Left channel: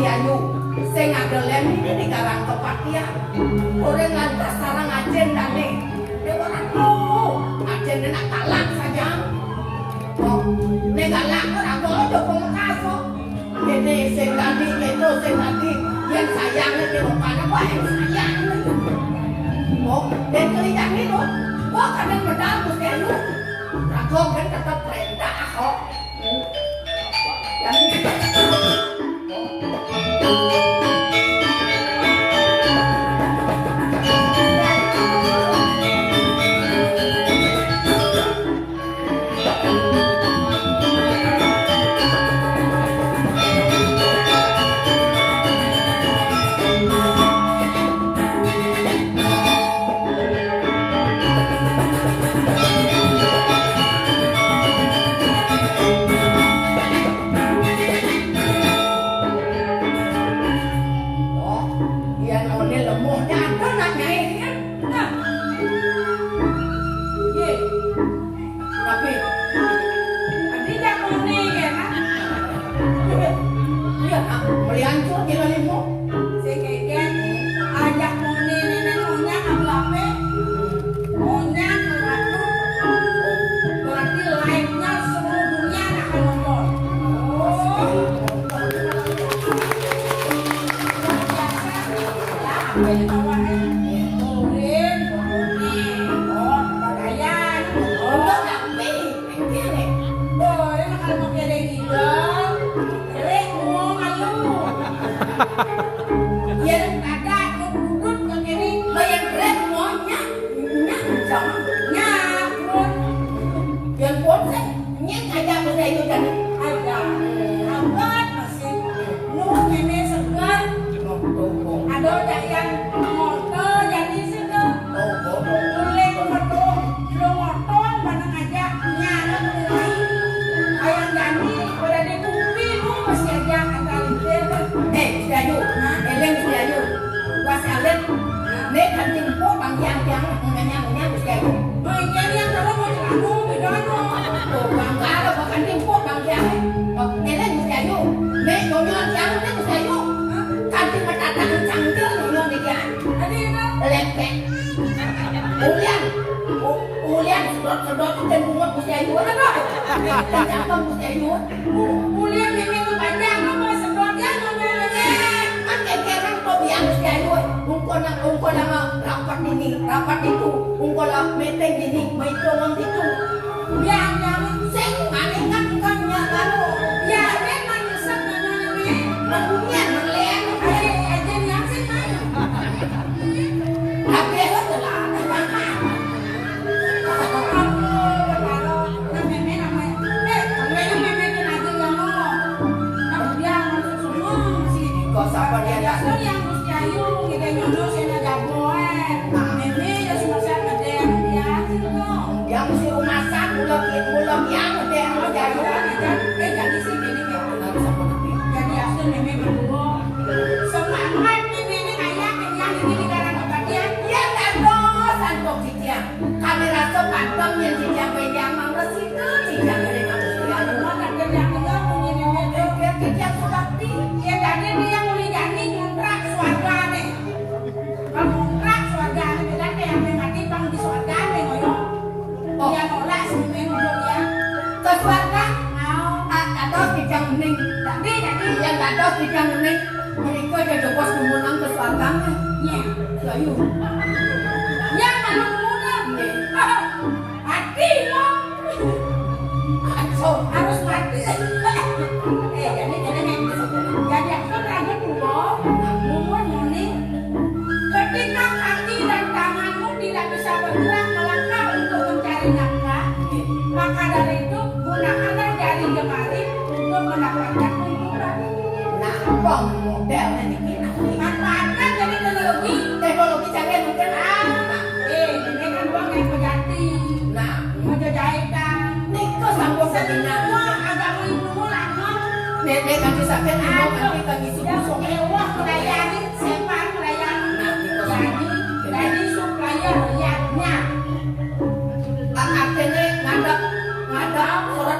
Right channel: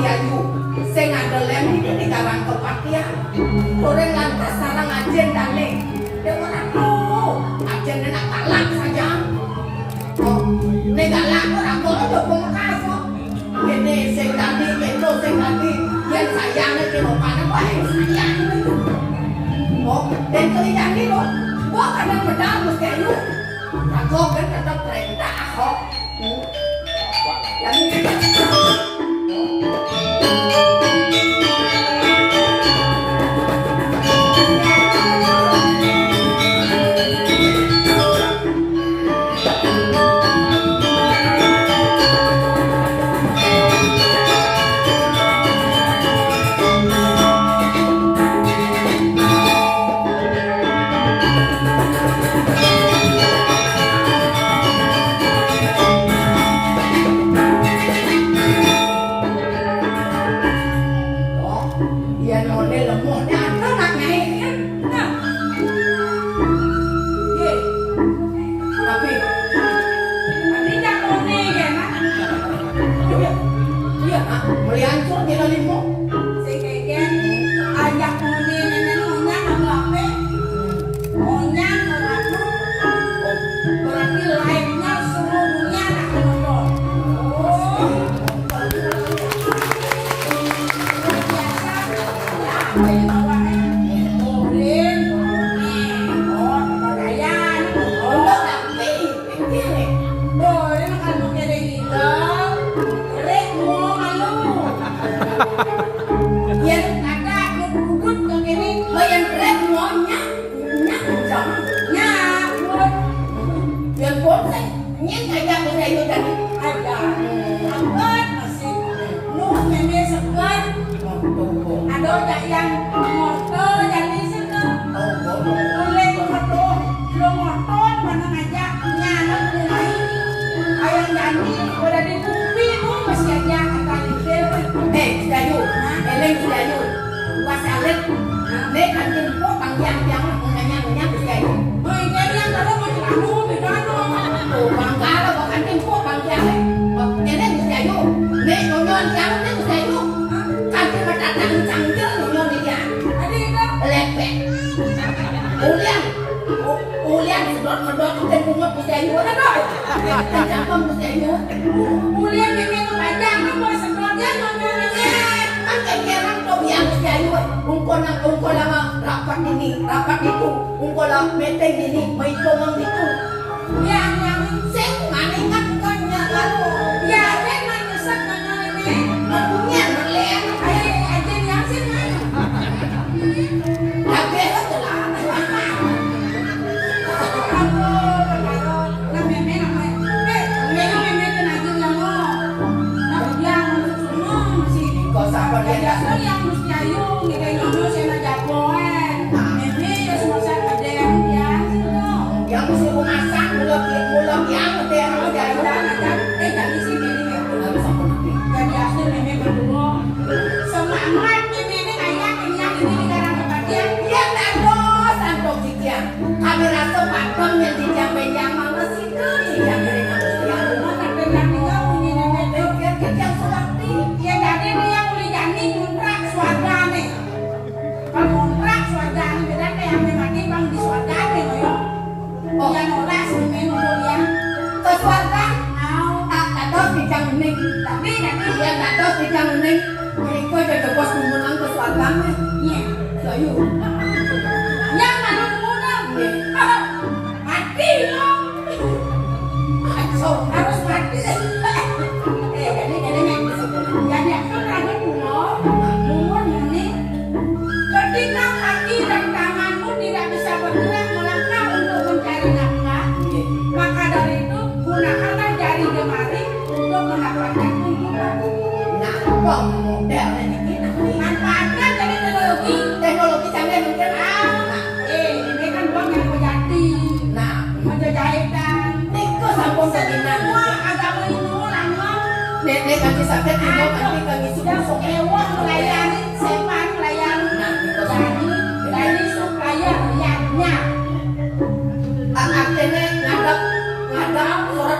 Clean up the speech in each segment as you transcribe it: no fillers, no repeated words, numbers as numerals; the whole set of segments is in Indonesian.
Ayu sing ngandelem iki di Karang Kepatia orang lantas sarang ajen dane dia orang ajen nak talak saja nek galak ora kono pun kaso gede sing ganti metro sing ganti yen sayangnya di rumah wae sayang dan kelihatan itu kok kadang pedal mesti Ayu aku kan tetap perintah kok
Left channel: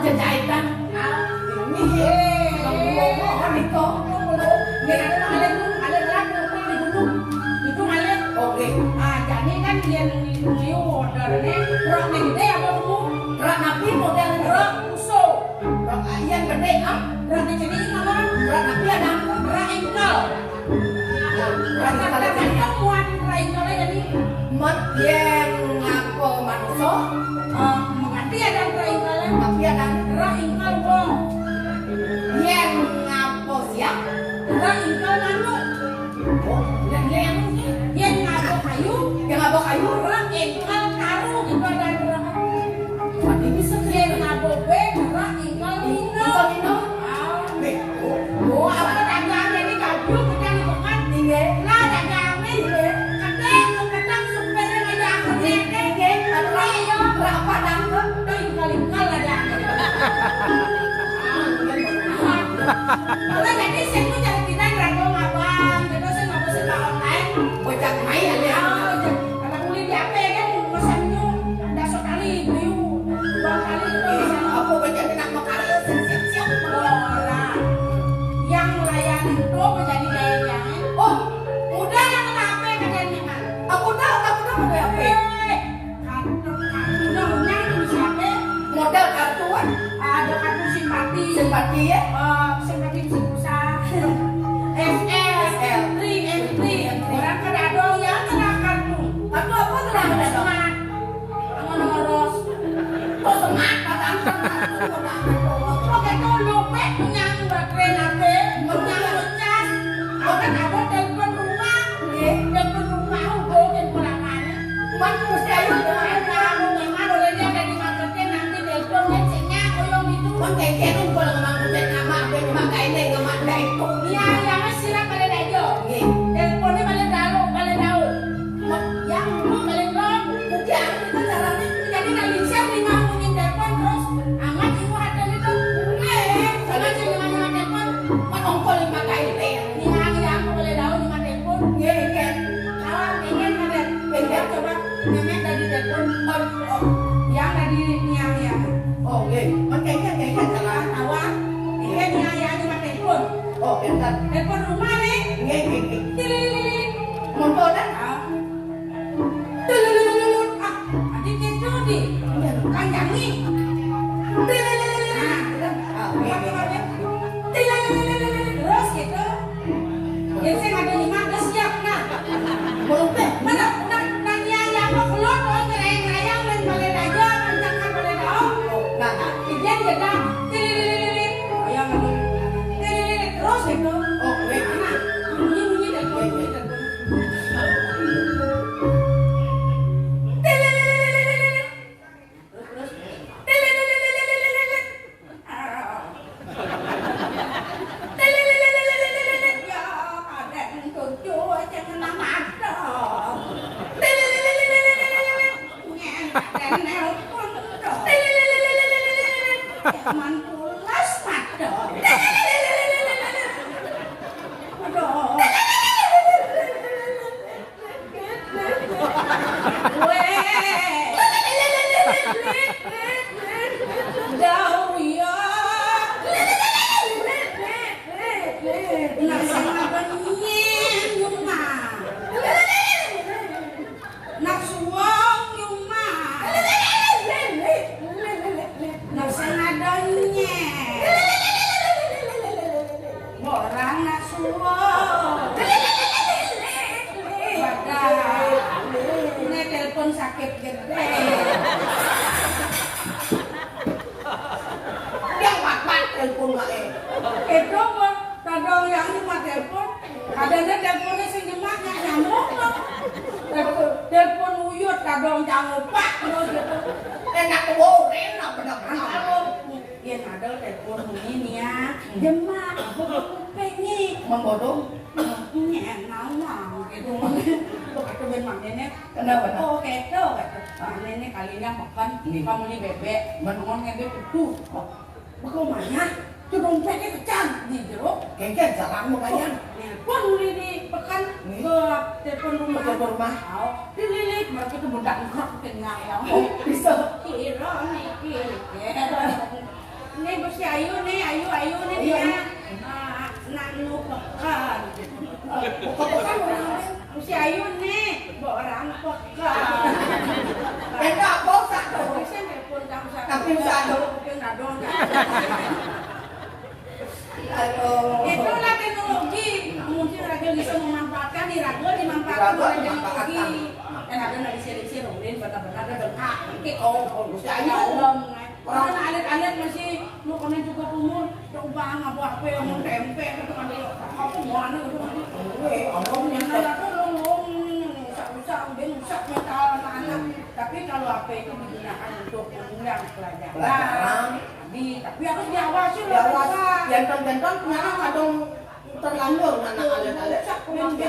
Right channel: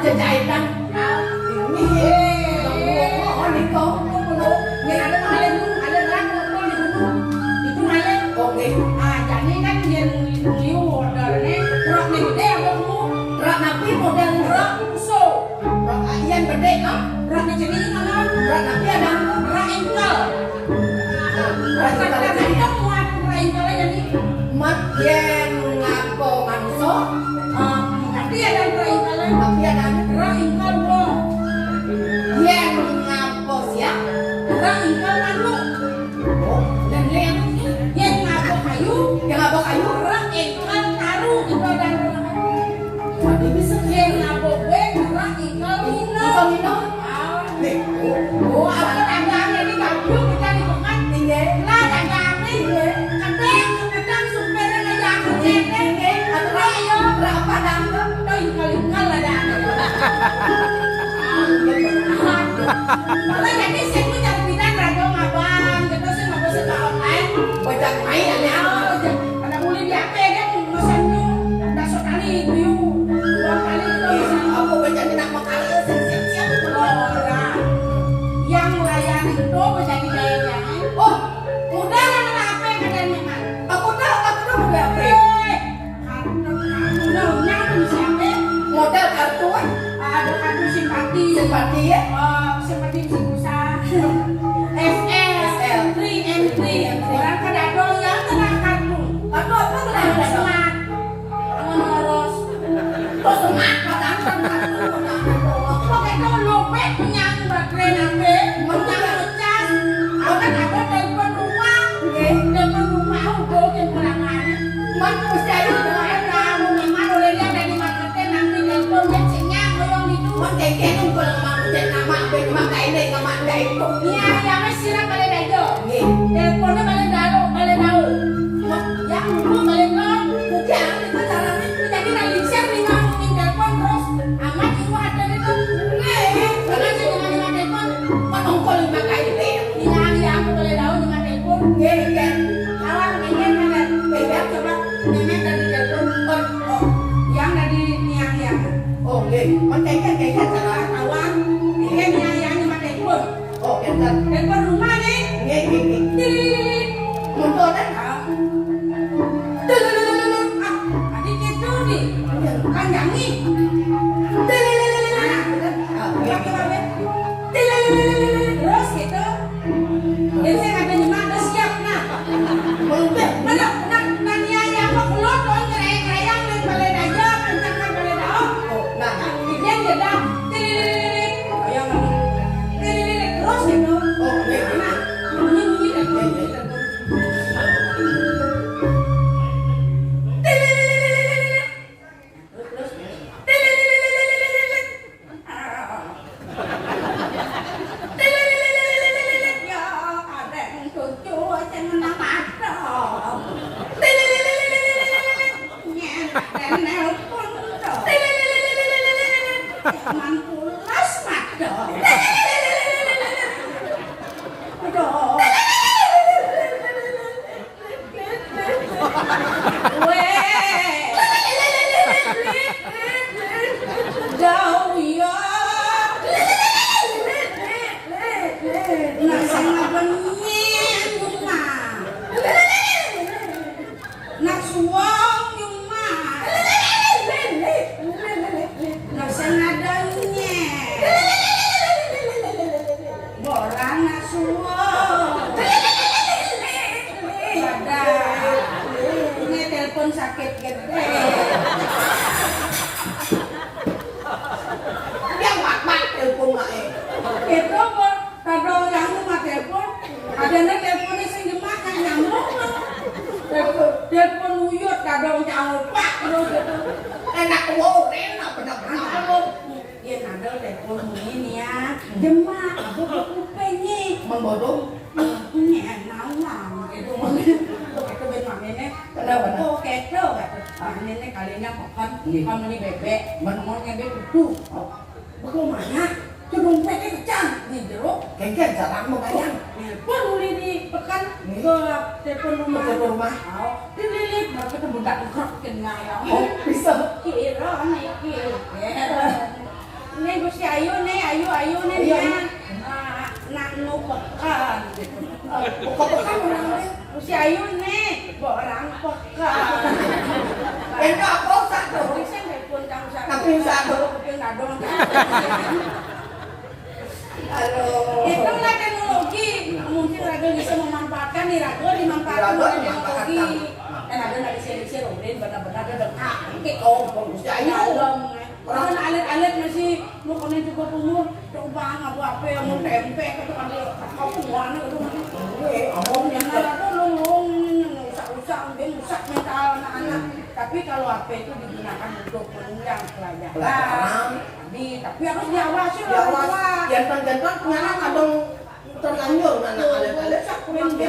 jajahitan ini no? Rak ni jadi kawan. Rak tapi ada. Rak engkol. Rak Rak engkol muat rak engkol jadi. Mat yen ngapo manusia. Nanti ada rak engkol. Tapi ada. Rak engkol bo. Yen ngapo siap. Rak engkol manu. Dan yen Yen ngapo kayu. yang ngapo kayu. Rak engkol karu itu ada rak. Tapi bisa Yen ngapo be rak engkol mino. Kau minum. Oh, apa dagang jadi kampung kita di Bungan. Iya. Lah dagang ni. Kadang supir ngajak ngene nggih. Atuh yo Berapa dan tuh? Tuh kali-kali ada. Malah jadi sing ku jam pindah rago ngabang, gitu sih ngapa sih ka online. Bocah main ya. Anak kulit di HP kan mesen yo. Dah sekali itu. Dua kali itu. Aku bocah minat makan siap-siap. Ora. Yang layan itu menjadi daya. Oh, Mudah kan HP kadang memang. aku tahu berapa. Modal kartu Ada kartu simpati, simpati ya. simpati pulsa, SL, M3. Orang kan ada yang kena kartu. Kartu apa tuh? Ada semat, ngurus. Oh, semangat kan kartu. Pakai dulu, pet punya baterai HP, punya ngecas. Aku kan ada telepon rumah, telepon rumah, bukan perangan. Mana mesti ayo Kaya kung ko lang mamutin nama, pwede makainay ng mga ito. Yang sila pala na ito. Teleponnya balik daw. Yang dulu balik non. Mungkin ako nito caranya. Jadi nalisir nih ngomongin telepon terus. Amat itu ada itu. Karena sih dengan telepon. Matungkol yung makainay. Yang aku boleh tahu dengan telepon. Kan? Kawan ingin kan? Beda coba. Nenek dari telepon. Yang dari niang. Oh, kaya salah. Awak. Ingin niang sama telepon. Oh, kan? Telepon rumah nih. Motor kan? Adik itu nih. Panjang nih. Terus gitu. Dan saya ada di mana siap nah. Mana nanya yang mau keluar tuh ngerayang main balen aja kencangkan balen dah. Dia dah. Ayo ngomong. Terus gitu. Mana? Bunyi telepon. Manpulas mata. Aduh. Jauh ya. Nak sana benih rumah. Nak suang rumah. Nak sana danya. Borang nak suang. Badan. Ini telepon sakit gede. Yang mak telepon mak Itu kadang yang rumah telepon, kadang teleponnya sing dimakan nyamuk loh. Telepon uyut kadang jauh pak loh. enak wow, enak bener-bener. Kalau ya ada telepon ini ya, demak, aku kupingnya Membodoh. enak lah gitu. Itu benar nenek. Kenapa? Oh keto nenek kalinya makan kamu nih bebek, menunggu bebek tuh. Bagaimana? Tuh dompetnya kecang nih jeruk. Kayaknya jarang mau kayang. Telepon uli di pekan gelap telepon rumah. Telepon rumah. Dililit mereka tuh budak ngok kena ya. Oh, bisa. Kira nih kira. Ini Gusti Ayu nih, Ayu nih dia. Nak nu pekan. Pokok-pokok orang Gusti Ayu nih, orang pekan. enggak bosan tuh. Bisa telepon kamu Tapi bisa tuh. Dia nggak dong. Itulah teknologi. Mungkin Raga bisa memanfaatkan di Raga dimanfaatkan oleh teknologi. Dan Raga nggak disini Roblin benar-benar ada dekat. Oke, bagus dalam. Orang alit-alit masih mau kena juga umur. Coba apa yang mau tempe atau kan apa warna itu masih. Yang ada tuh rusak-rusak, rusak mental anak-anak. Tapi kalau HP itu digunakan untuk penunjang pelajaran. Tapi harus diawasi loh. Jantan-jantan punya kadang terlanjur anak alit-alit.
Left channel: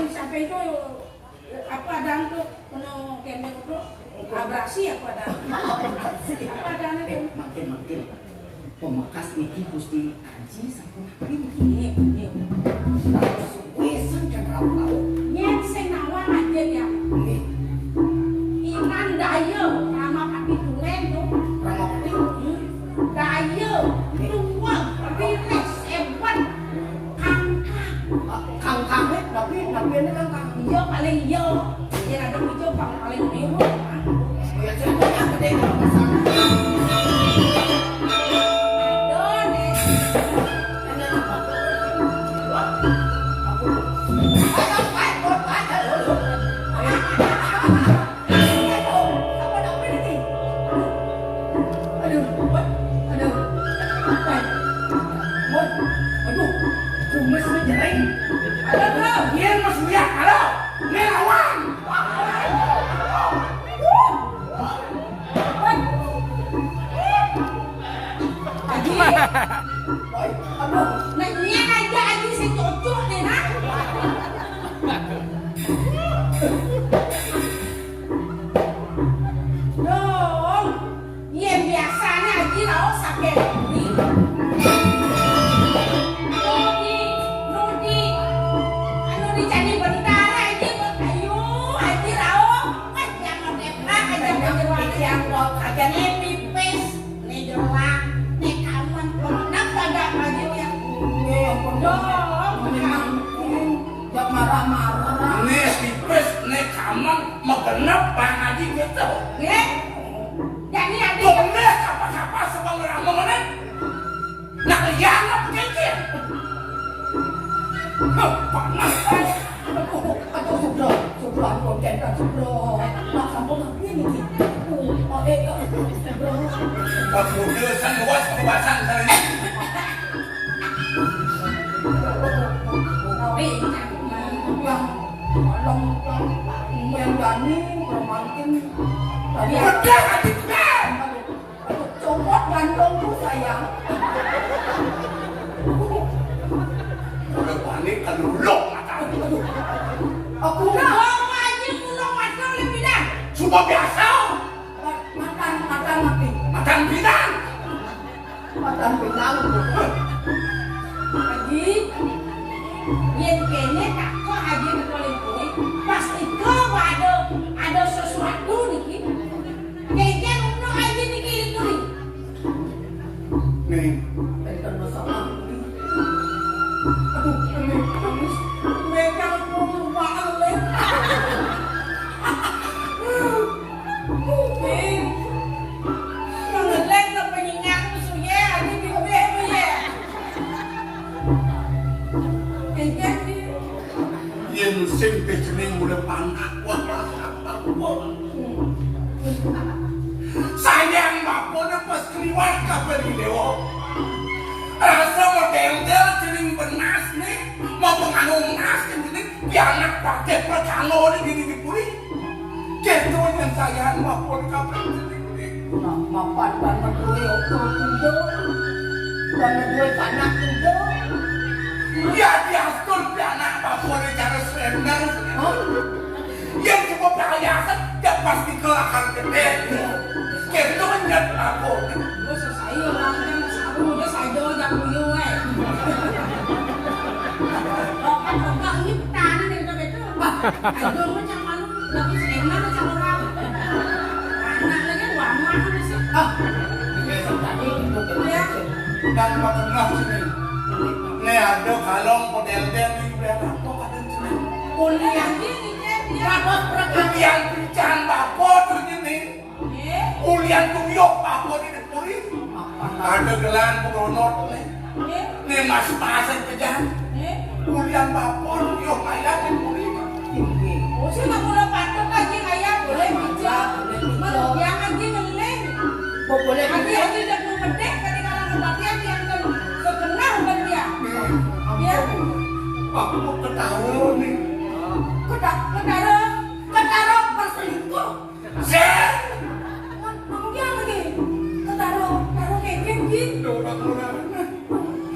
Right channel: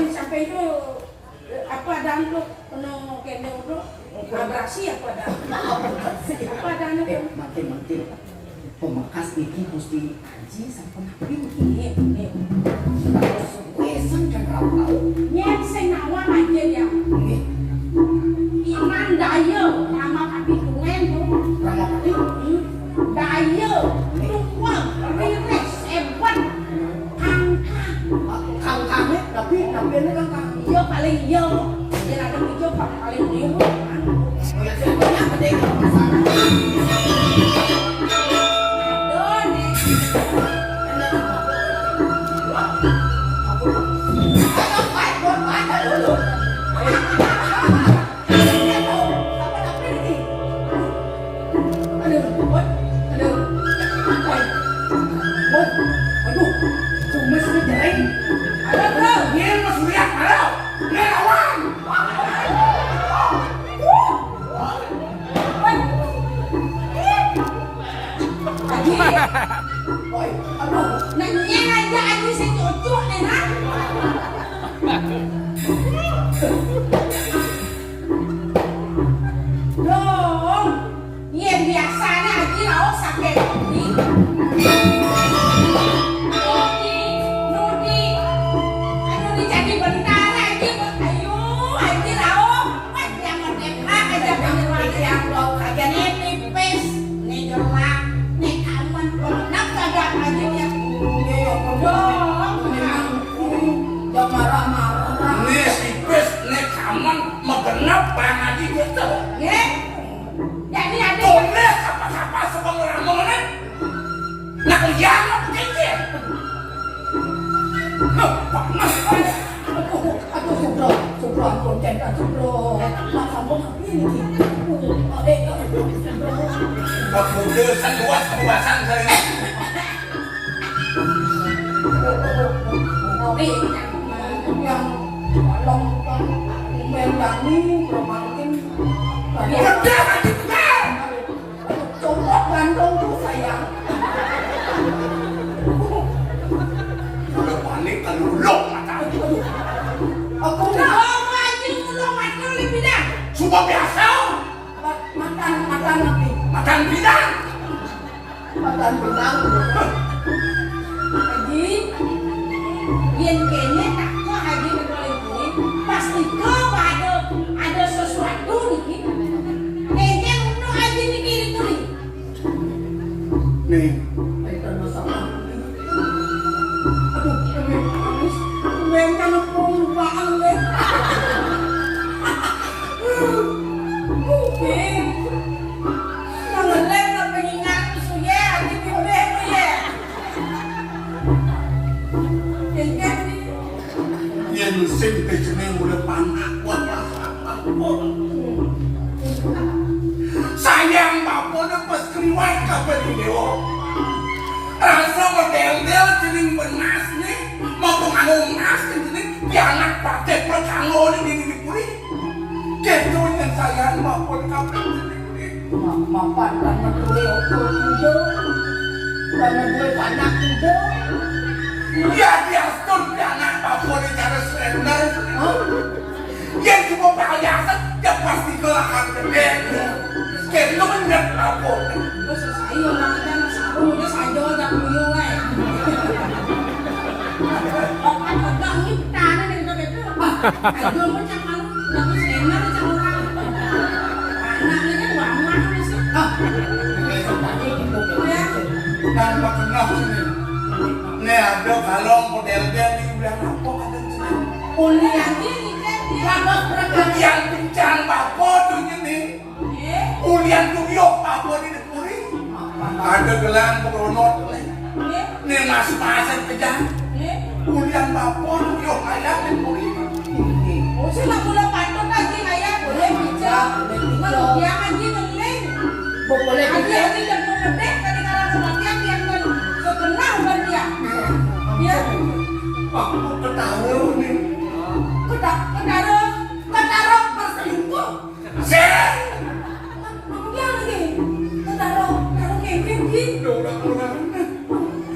Sampai itu apa dan tuh penuh kene itu abrasi apa dan apa dan itu makin pemakas iki mesti kaji sampun nabi ini wesan kan kau yang senawa aja ya iman daya sama kapitulen tuh sama peti daya tua rilis hebat kang tapi ini kan yo paling yo yang ada hijau paling dewa ya siapa gede kalau masalah nanya aja aja si cocok nih nah dong iya biasanya aja lah sakit Nudi anu jadi bentar aja ayo aja lah jangan enak aja jangan yang lo kagak nipis nih jelak nih aman pemenang kagak aja ya dong memang jam marah-marah nih sipis nih kaman megenap pangaji gitu ya jadi ada boleh apa-apa sebang orang mengenai nak liang apa kecil panas aku sudah konten sudah nak sampun nabi nih aku udah kan luas kebebasan kali ini yang mendani romantin udah aja coklat Bandung tuh sayang udah balik ke luluk mata aku dong aja ulung makan lebih dah semua biasa makan nabi makan bidang makan benang Haji, yang kayaknya tak kau haji boleh boleh, pasti kau ada sesuatu nih. Kayaknya untuk haji nih kiri kiri. nih dari karena sama aduh ini habis mereka perubahan deh Mungkin mengelak lo pengingat musuh ya, haji di udah tu ya. Kayaknya yang simpe jening udah panak buat sayang bapaknya pas keluar kapan di dewa rasa model-model jening benas nih mau pengaruh emas kan jening jangan pakai perkanggo di diri puri gitu yang sayang bapak kapan jening nih mapan banget gue okol juga banget gue panak juga ya diatur jangan bapak di cara surrender yang cuma perhiasan ya pasti kelahar gede gitu menjadi lapor lu selesai orangnya saru udah saja yang buyung Okan tegak ini tanah dari itu itu. Aduh macam anu lagi sena macam orang. Anak lagi wamah sih. tadi itu dan pernah sini nih ada kalong model-model di udah lapor ada sini Kuliah ini kan dia yang pincang bapak tuh gini kuliah tuh yuk bapak di dekuri ada gelang beronot Nih mas-masan kejar. Ulian bapon yo kayak puri. Oh, sila mula patut lagi kaya boleh bijak. Yang lagi ngeling. Boleh Lagi dan memedek ketika orang kematian yang kan sekenal kan dia. Dia Aku ketahu nih. ketaruh berselingkuh. Sen. Dia lagi ketaruh kevin gitu. Orang-orang.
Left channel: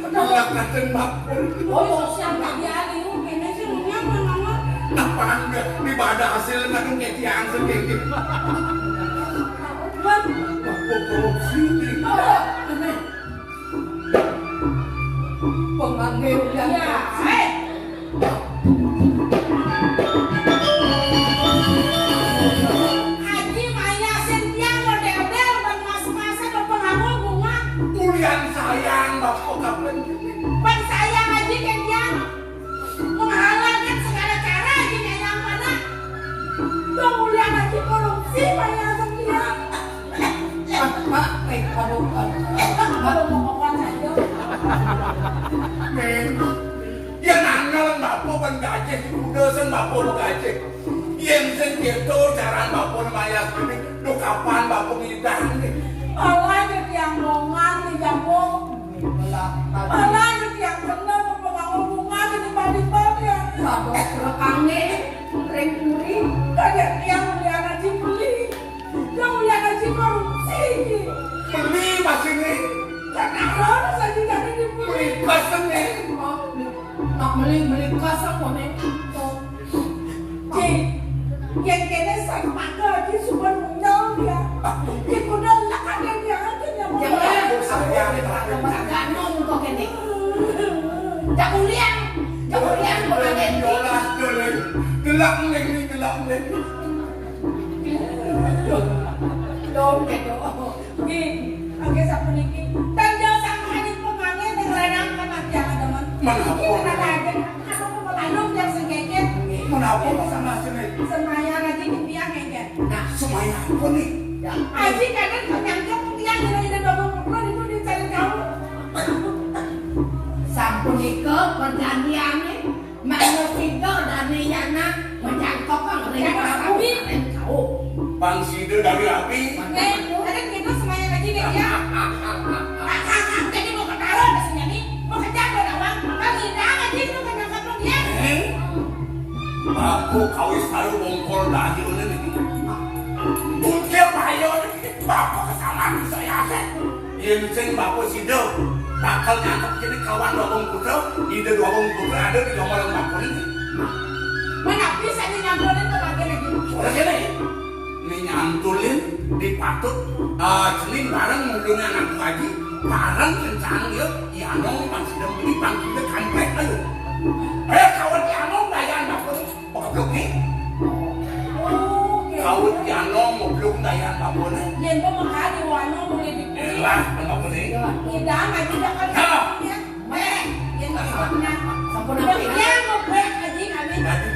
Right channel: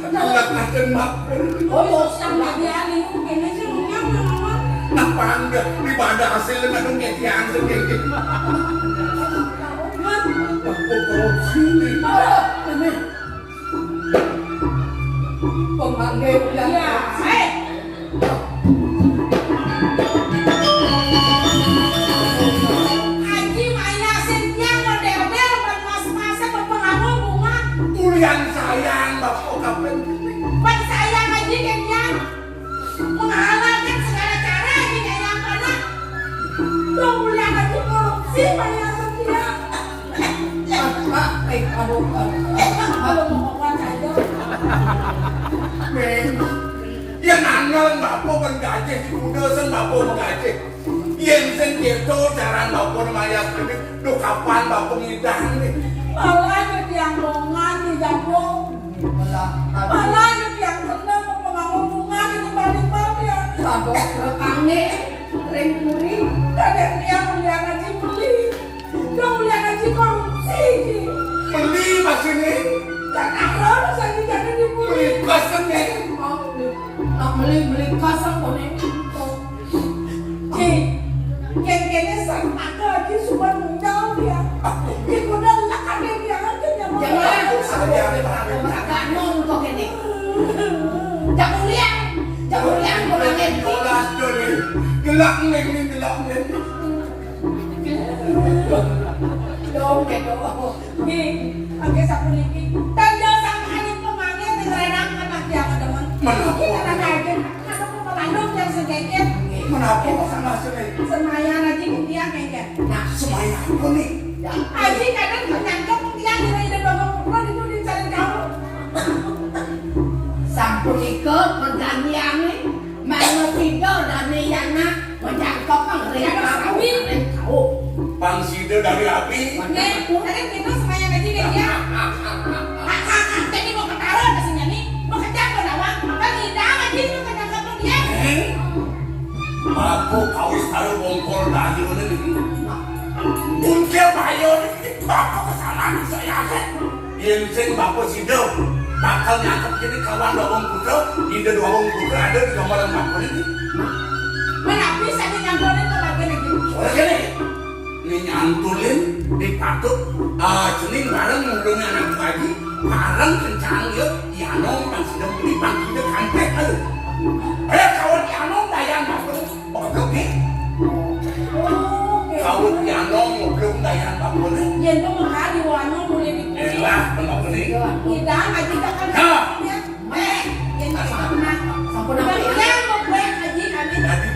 Anak naken bapon. Oh, siang tak biali. Kayaknya sih punya mama. Apa enggak ibadah hasil ngadung ngetian sedikit. Aku korupsi nih. Pemanggil yang Ya, Haji Maya Sintiang model-model dan mas-masa berpengaruh bunga. Ulian sayang bapak kapan Bang sayang Haji Kenyang menghalalkan segala cara Haji Kenyang pada kemuliaan Haji korupsi Maya Sintiang. Kalau mau kawan saja. yang nangal bapak penggajek udah sen bapak penggajek yang sen gitu cara bapak maya ini do kapan bapak ngidang nih Malah jadi yang bongan di jambung. Malah jadi yang benar membangun bunga di tempat-tempat ya. sabok rekannya ring puri. Kadang dia mulia Haji beli. Dia mulia Haji korupsi. beli masih nih Karena harus Haji jadi dibeli. beli kosen nih Tak beli kosong boleh. Geng-gengnya sama ke Haji suka muncul dia. Ibu dan lakan dia aja yang mau. Jangan sayang agak nong kok ini. Jamulian boleh jadi. jelas joli gelap neng nih gelap neng Dong gitu. Oke, sapu niki. Tanda sama hari pemanggil dengan karena dia ada Kenapa? Kita aja. Aku pemalung yang segeket. kenapa sama sini Semaya Haji dia keket. nah semuanya apa nih Haji kadang menyangka dia dari bapak perempuan itu dicari tahu. Sampun ike perjanjiannya mau tidur dari yana menjangkau penglihatan kau. Bang Sido dari api Kadang kita Semaya Haji dia. Jadi mau ketaruh maksudnya nih, mau kejar berawang, kan tidak Haji itu kadang-kadang dia. aku kawis kalau bongkol dayo nih bungkil bayo nih bapak kesalahan saya yang sing bapak Sido bakal nyangkep jadi kawan dorong putra ide dorong putra ada di nomor bapak ini Mana bisa dinyamperin ke bagian itu? soalnya nih ini nyantulin di patuk celing bareng ngundungnya anak lagi bareng kencang yuk Yanong Bang Sido beli Bang Sido kampek aduh kawan Yanong dayan bapak ini belum nih kawan Yanong belum dayan bapak ini Yang itu makanya diwano mulai di elah bapak ini tidak Haji kan yang itu Sampun apa ya? yang mau baik Haji kami Haji